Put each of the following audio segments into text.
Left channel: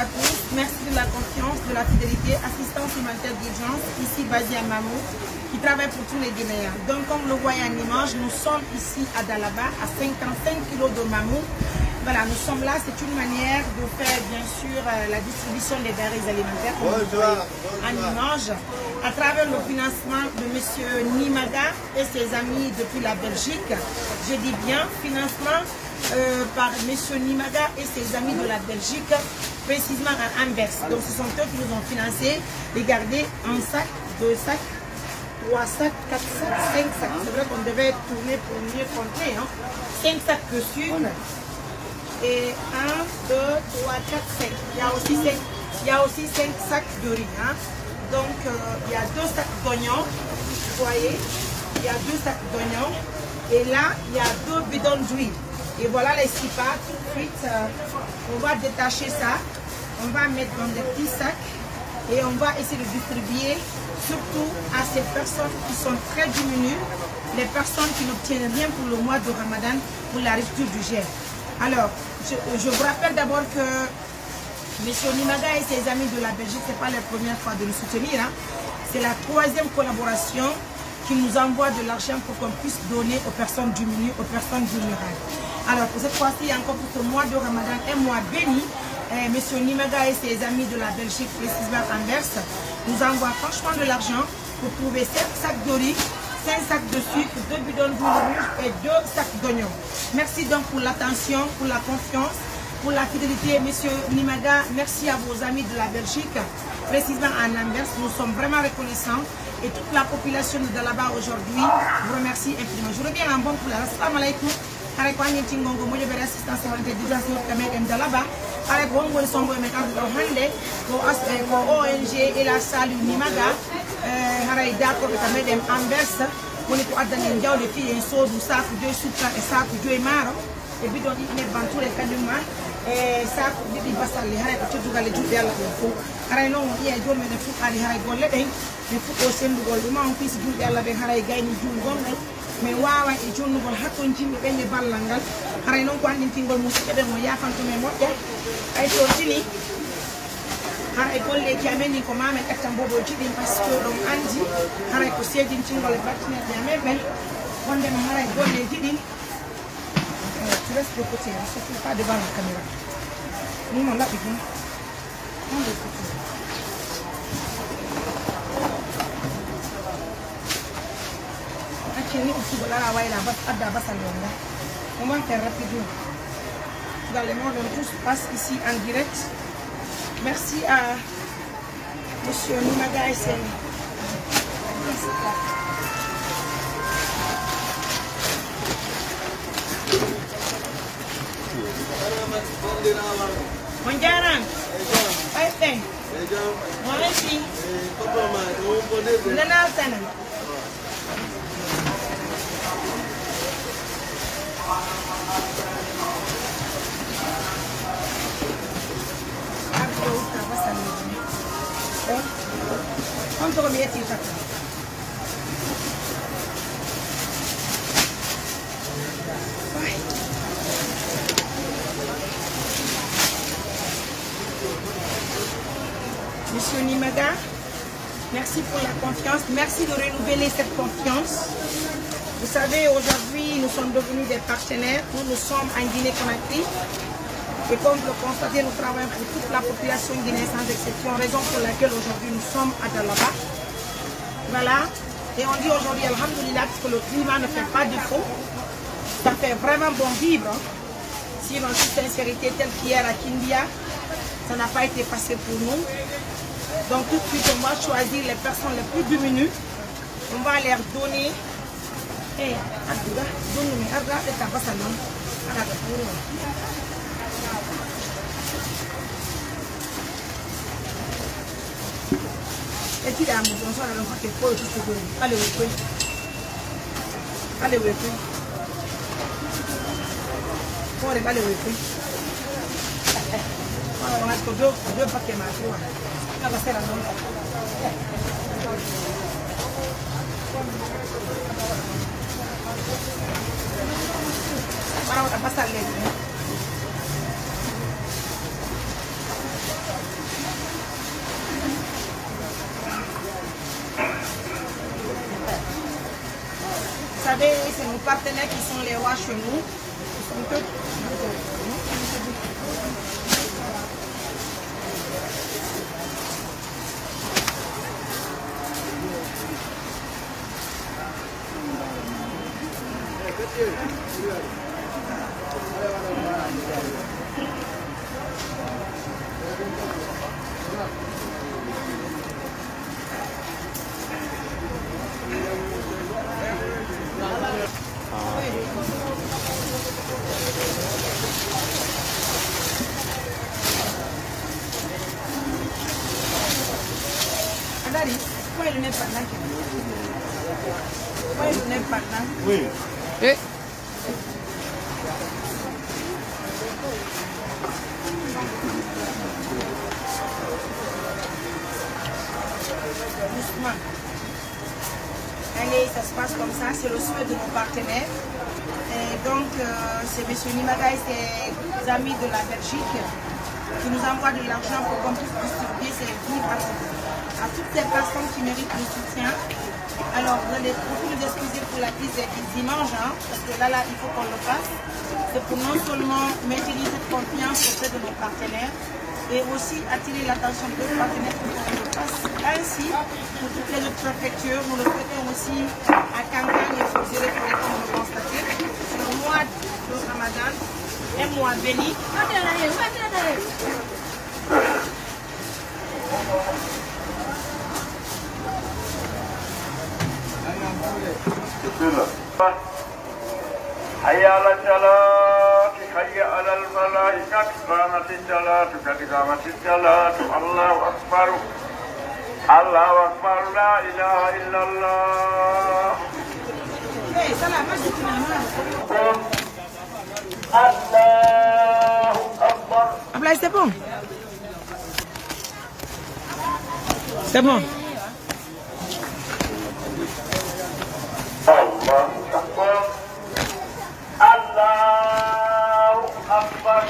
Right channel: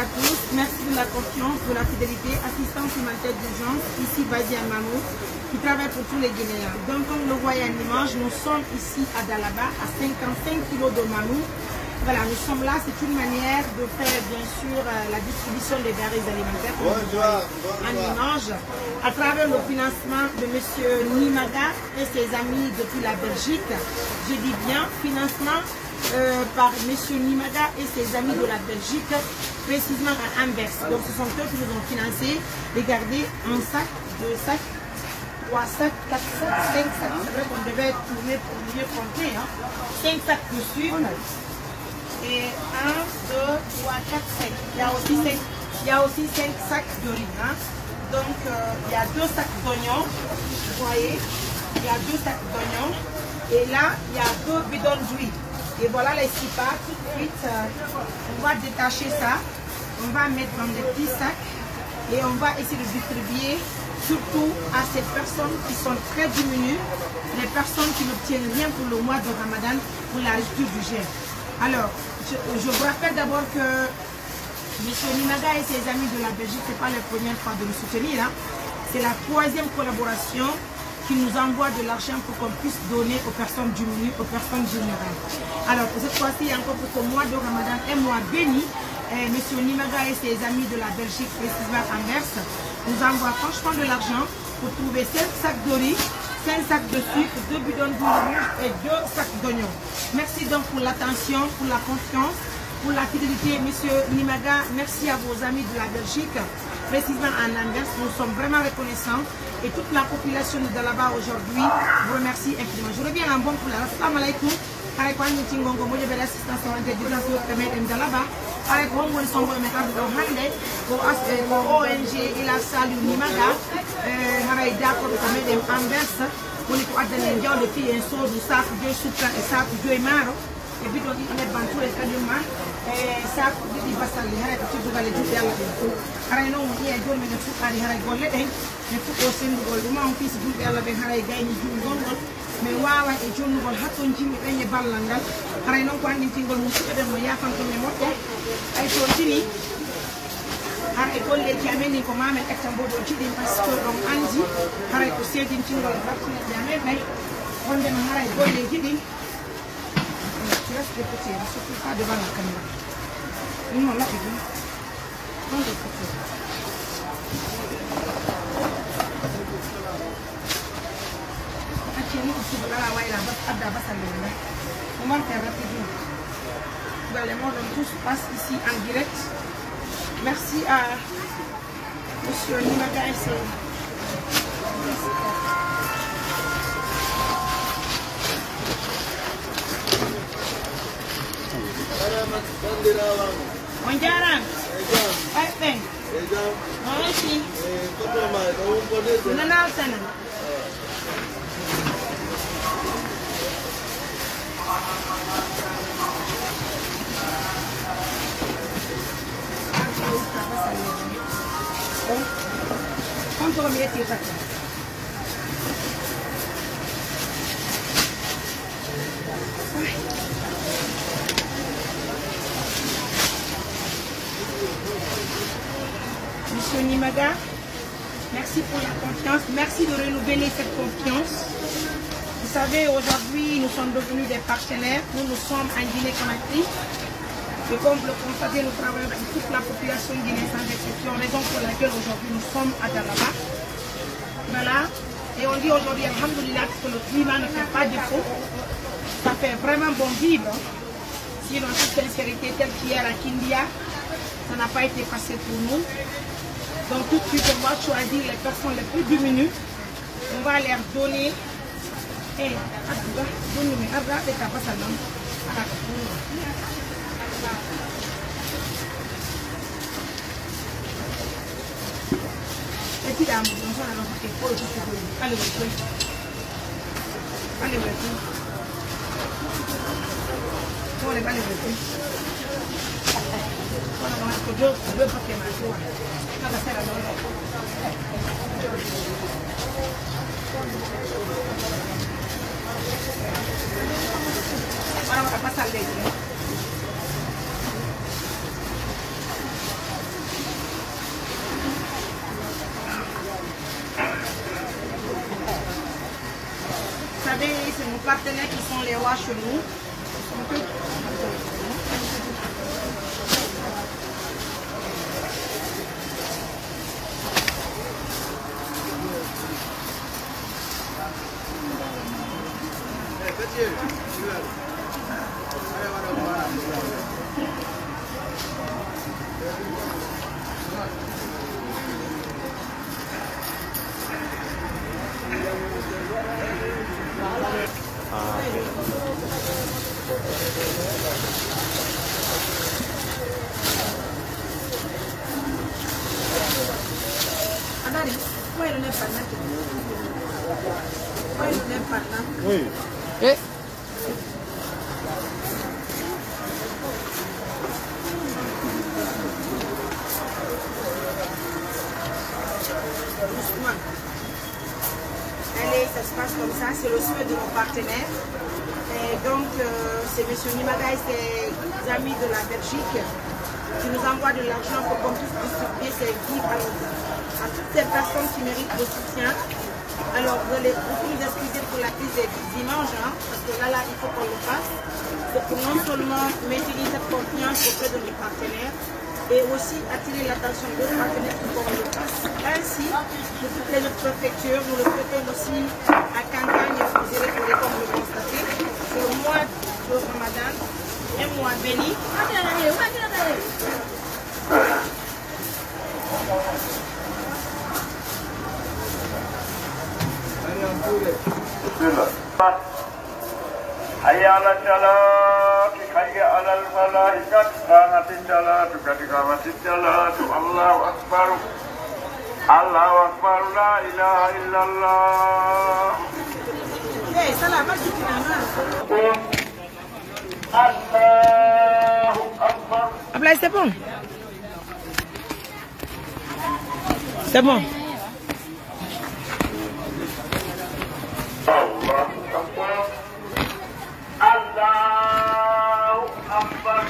à tous. Merci de la confiance, de la fidélité. Assistance humanitaire d'urgence, ici basée à Mamou, qui travaille pour tous les Guinéens. Donc, comme vous le voyez en image, nous sommes ici à Dalaba, à 55 kg de Mamou. Voilà, nous sommes là. C'est une manière de faire, bien sûr, la distribution des denrées alimentaires, comme vous voyez en image, à travers le financement de M. Nimada et ses amis depuis la Belgique. Je dis bien financement par M. Nimada et ses amis de la Belgique, précisément à Anvers. Donc ce sont eux qui nous ont financé. Regardez, un sac, 2 sacs, 3 sacs, 4 sacs, 5 sacs. C'est vrai qu'on devait tourner pour mieux compter. Hein. 5 sacs de sucre. Et 1, 2, 3, 4, 5. Il y a aussi 5 sacs de riz. Hein. Donc il y a 2 sacs d'oignons. Vous voyez, il y a 2 sacs d'oignons. Et là, il y a 2 bidons d'huile. Et voilà les 6 pâtes. Ensuite, on va détacher ça. On va mettre dans des petits sacs. Et on va essayer de distribuer surtout à ces personnes qui sont très diminuées. Les personnes qui n'obtiennent rien pour le mois de Ramadan, pour la rupture du jeûne. Alors, je vous rappelle d'abord que M. Nimada et ses amis de la Belgique, ce n'est pas la première fois de nous soutenir. Hein. C'est la 3e collaboration qui nous envoie de l'argent pour qu'on puisse donner aux personnes diminuées, aux personnes vulnérables. Alors, cette fois-ci, encore pour ce mois de Ramadan, un mois béni, M. Nimada et ses amis de la Belgique, précisément Anvers, nous envoient franchement de l'argent pour trouver 7 sacs de riz, 5 sacs de sucre, 2 bidons d'huile rouge et 2 sacs d'oignons. Merci donc pour l'attention, pour la confiance, pour la fidélité, M. Nimada. Merci à vos amis de la Belgique, précisément en Anvers. Nous sommes vraiment reconnaissants et toute la population de là-bas aujourd'hui vous remercie infiniment. Je reviens en bon couleur. Assalamu alaikum. Avec Tingongo, vous avez l'assistance à l'intérieur avec Wongo Songo et Mekado Hande, ONG et la salle Nimada, Haray d'accord avec les Anvers, on est à Daniel Diao, les filles et sauts du sac de soutien et sac de maro, et puis on est bantu les cadumans, et sac de Bassal, les Haray, tout dans les jours de la vie. Haray non, il y a deux minutes à les Haray Golden, et tout au sein du Goldman, qui se dit à la Haray Gaini Jungongo. Mais wawa e jonnugol hakton jimɓe ɓe e ballal ngal haray noon ko anndintingol musidɓe ɗen no yafantume moƴƴa ay to tini haray golleji amen ko mamen ƴettan bobo jiɗin par ce que ɗon anndi haray ko seedintingol battineɗe amen ɓen wondema haray golleji ɗin tu laisse de côté surtout pas devant la caméra non laɓi ɗum non de côté. On va faire rapidement. Dans le monde, tout se passe ici en direct. Merci à M. Nimada et ses... Bonjour. ¿Cuánto comida tienes aquí? Monsieur Nimada, merci pour la confiance. Merci de renouveler cette confiance. Vous savez, aujourd'hui, nous sommes devenus des partenaires. Nous sommes en Guinée-Conakry. Et comme vous le constatez, nous travaillons pour toute la population guinéenne sans exception, raison pour laquelle aujourd'hui nous sommes à Dalaba. Voilà. Et on dit aujourd'hui, alhamdoulilah, que le climat ne fait pas défaut. Ça fait vraiment bon vivre. Sinon, toute sincérité, telle qu'hier à Kindia, ça n'a pas été facile pour nous. Donc tout de suite, on va choisir les personnes les plus diminuées. On va leur donner. Et puis, là, allez, allez, voilà, on a que deux paquets maintenant. On va faire la montre. On va passer à l'aide. partenaires qui sont les rois chez nous. Oui. Et Allez, ça se passe comme ça, c'est le souhait de nos partenaires. Et donc, c'est M. Nimada et ses amis de la Belgique qui nous envoient de l'argent pour qu'on puisse distribuer ces livres à toutes ces personnes qui méritent le soutien. Alors, vous allez beaucoup nous excuser pour la crise des dimanches, hein, parce que là, il faut qu'on le fasse. C'est pour non seulement maintenir cette confiance auprès de nos partenaires, et aussi attirer l'attention de nos partenaires pour qu'on le fasse. Ainsi, pour toutes les autres préfectures, nous le faisons aussi à campagne et sur les comme vous le constatez. C'est le mois de Ramadan, un mois béni. حي على الصلاة حي على الفلاح قد قامت الصلاة قد قامت الصلاة الله أكبر الله أكبر لا إله إلا الله الله أكبر. Ablaye, c'est bon? C'est bon. الله أكبر الله أكبر.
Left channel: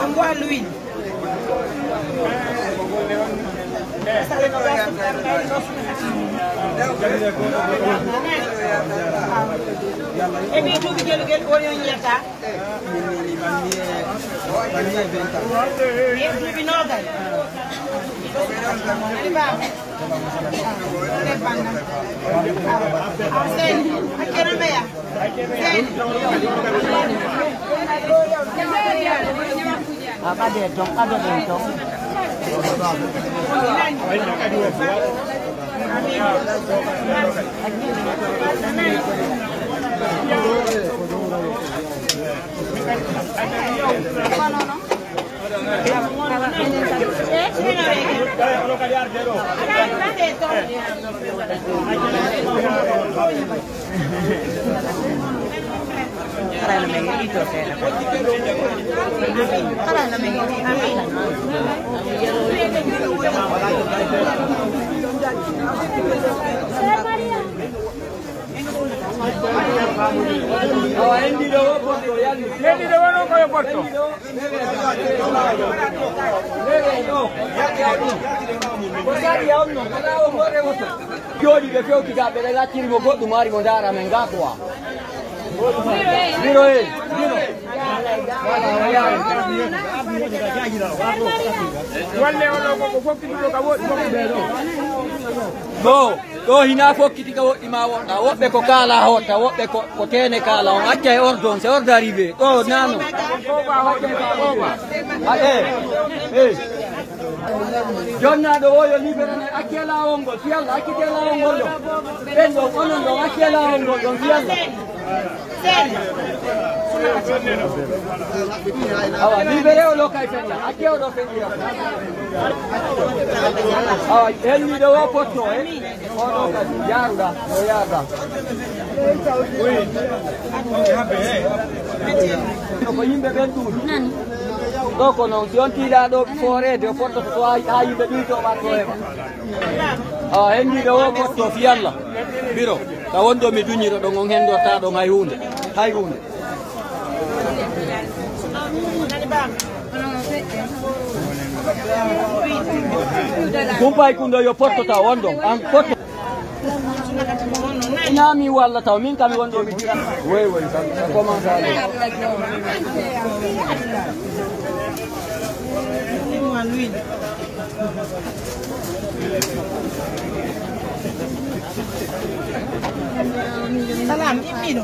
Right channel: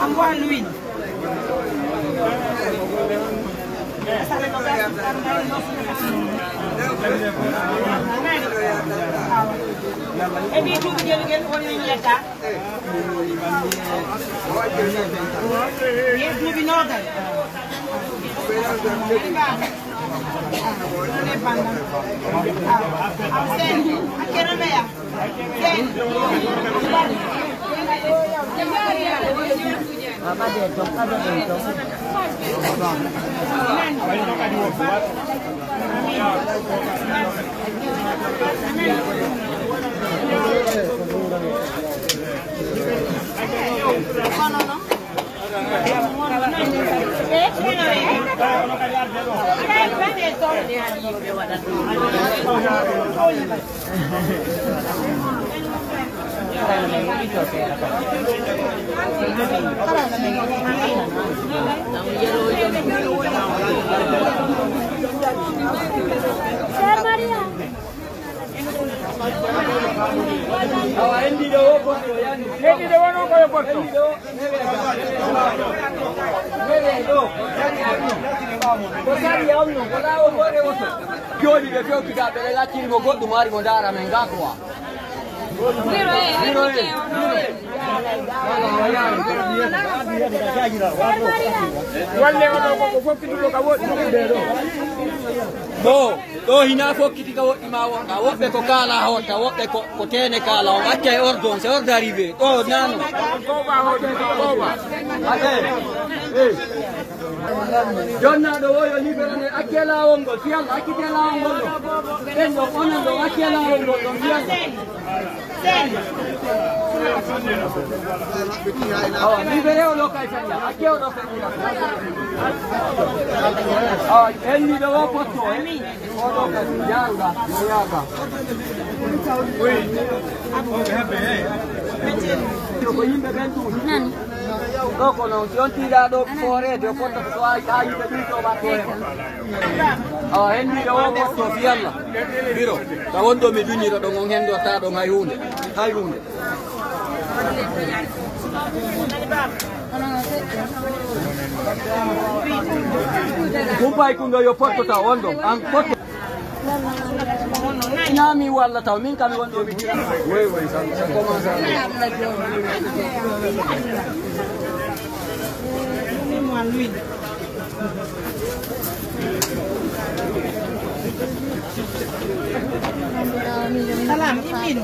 Envoie lui. Ini tu gel orang yang tak. Dia tu binogan. Do hina ko kiti ko imawo awobe ko kala hota wobe ko kene kala atte ordon se ordo arrivé oh nano ko ba hota ko ba eh jonna do woyo ni akela wongo tial akitela wongo bendo onondo akela wongo tial awa libere lo kai fenya akeo do fenya awa elni do wopoto yanga yanga oui ko yimbe ben tu nan do ko non tion tira do fore do poto ko ayi be du to ba ko awa elni do wopoto fialla biro ta wondo mi dunyiro do ngon hendo ta do hay hunde Kumpai kundo yo porto ta wondo an porto Nami wala tahu min kami wondo mi wewe sa commence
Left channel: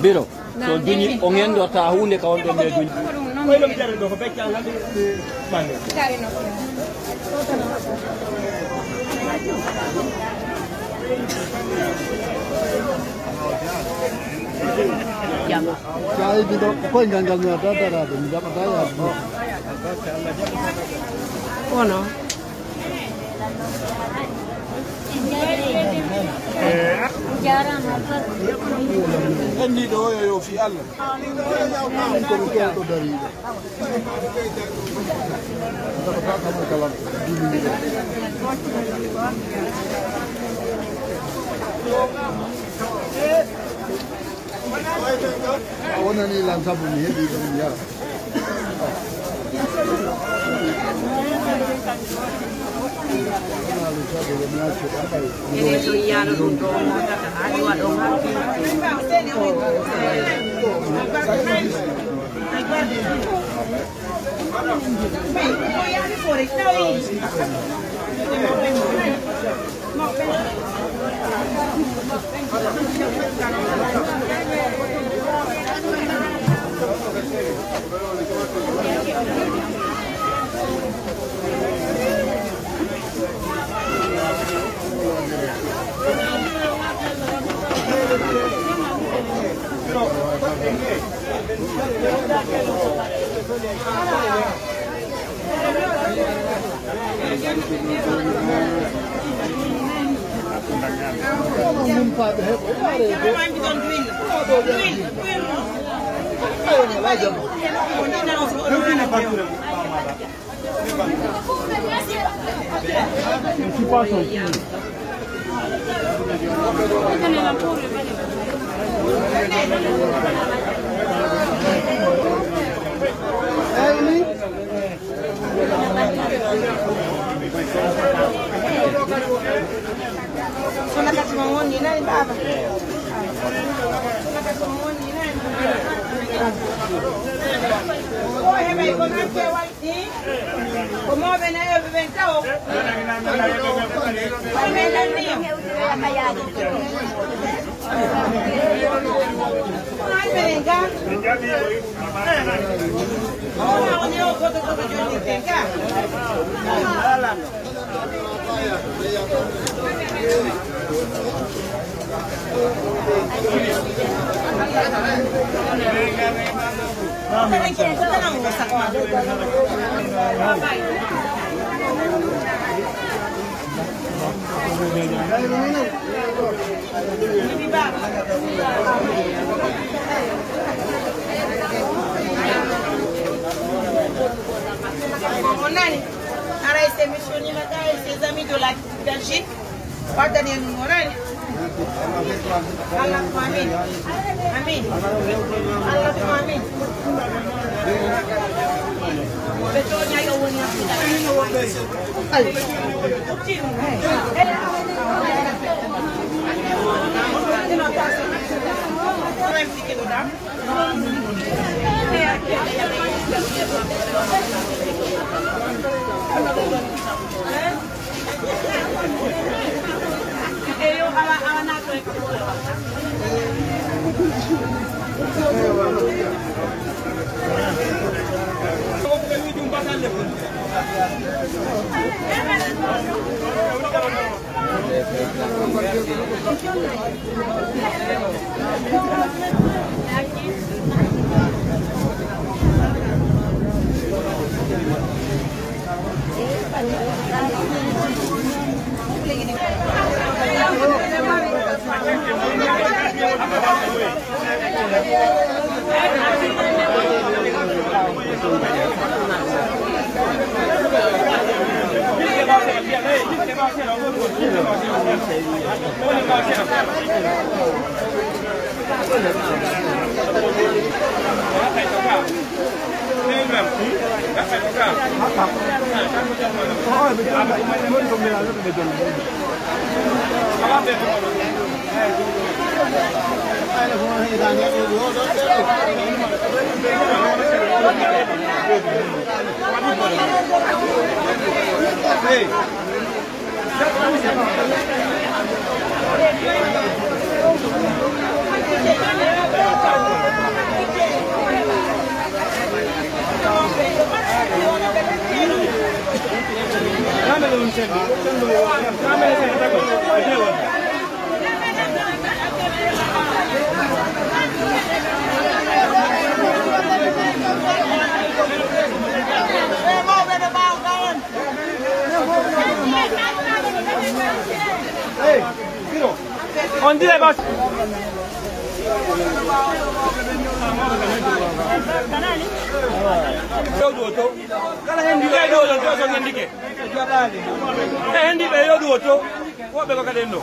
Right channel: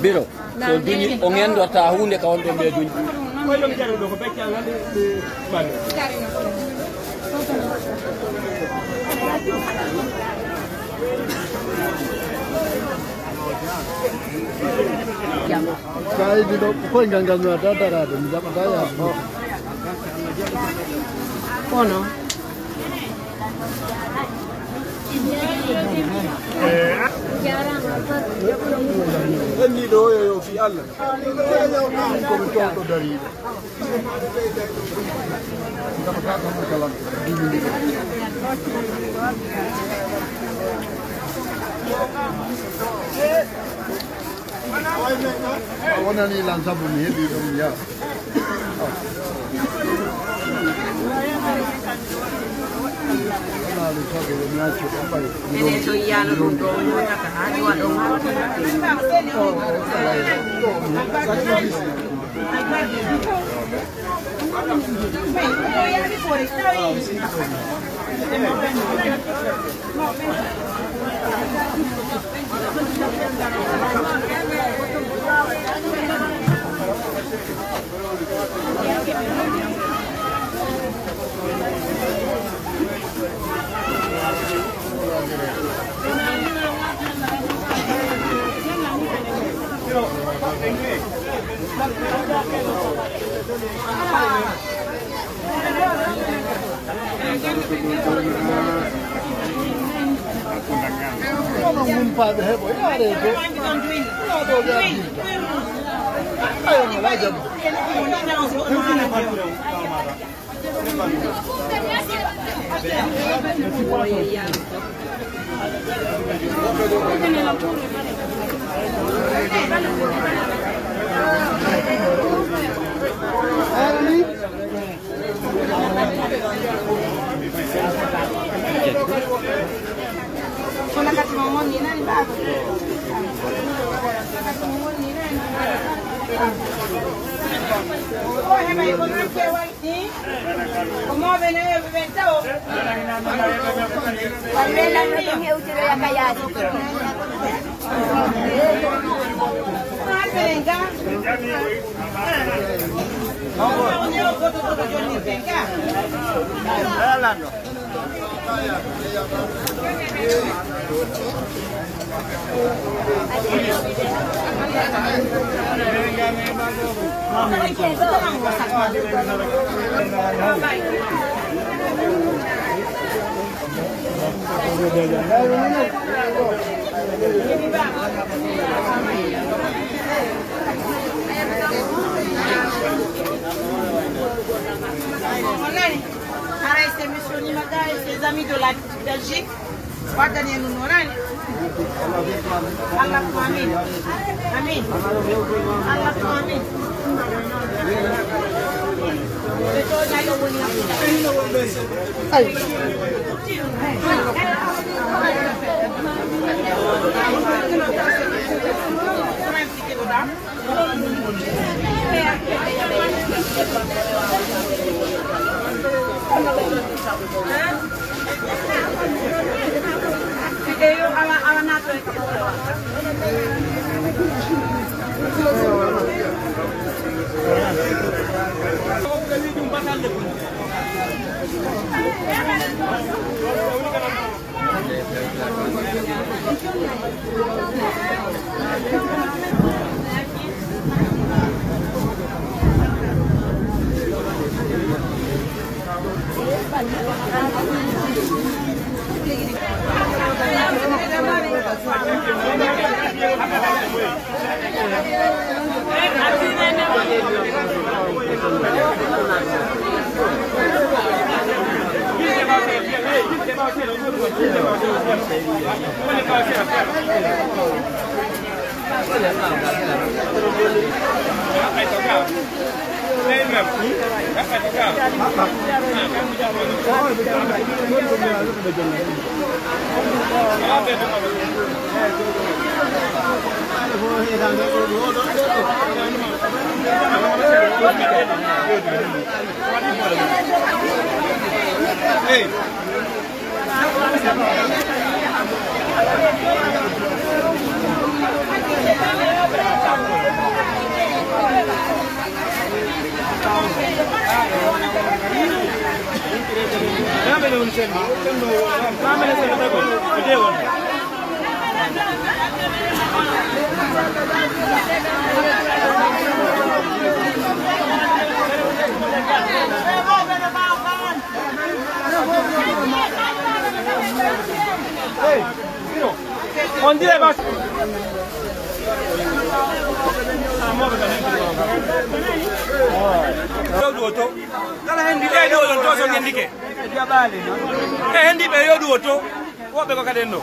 Biro so duni ongen do ta hunde ka wondo me duni Saya tidak kau ingat ada ada ni dapat saya. Oh no. Ini doa yo si Allah. Kau contoh dari. Dapat sama kalan di ni. Awana ni lansa bunyi di dunia. Lalu saya boleh mengacu sampai. Itu iya lu dong, tak ada dong. Mumpat hebo ada itu. Ayo ngelajam. Sana kati mongon ni na iba. Sana kati mongon ni na. Oh, heba iko na kewa ni. Como ven ahí ventao. Comenta ndio. Venga. Oh, ni o koto koto ni tenga. Para esta emisión y ses amis de la Belgique, pardonnez nous honorable. Allah amin. Amin. Allah amin. On dit là-bas. Kala hendi be do to so ngendike. Hendi be yo do to. Wo be ko kadendo.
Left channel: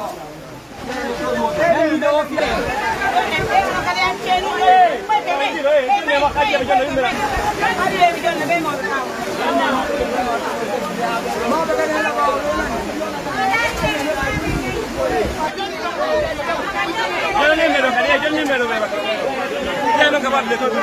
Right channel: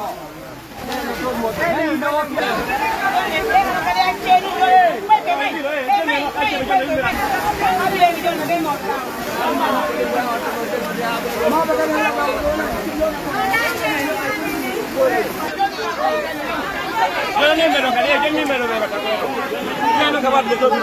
Yo no me lo quería, yo ni me lo veo. Ya no capaz de todo,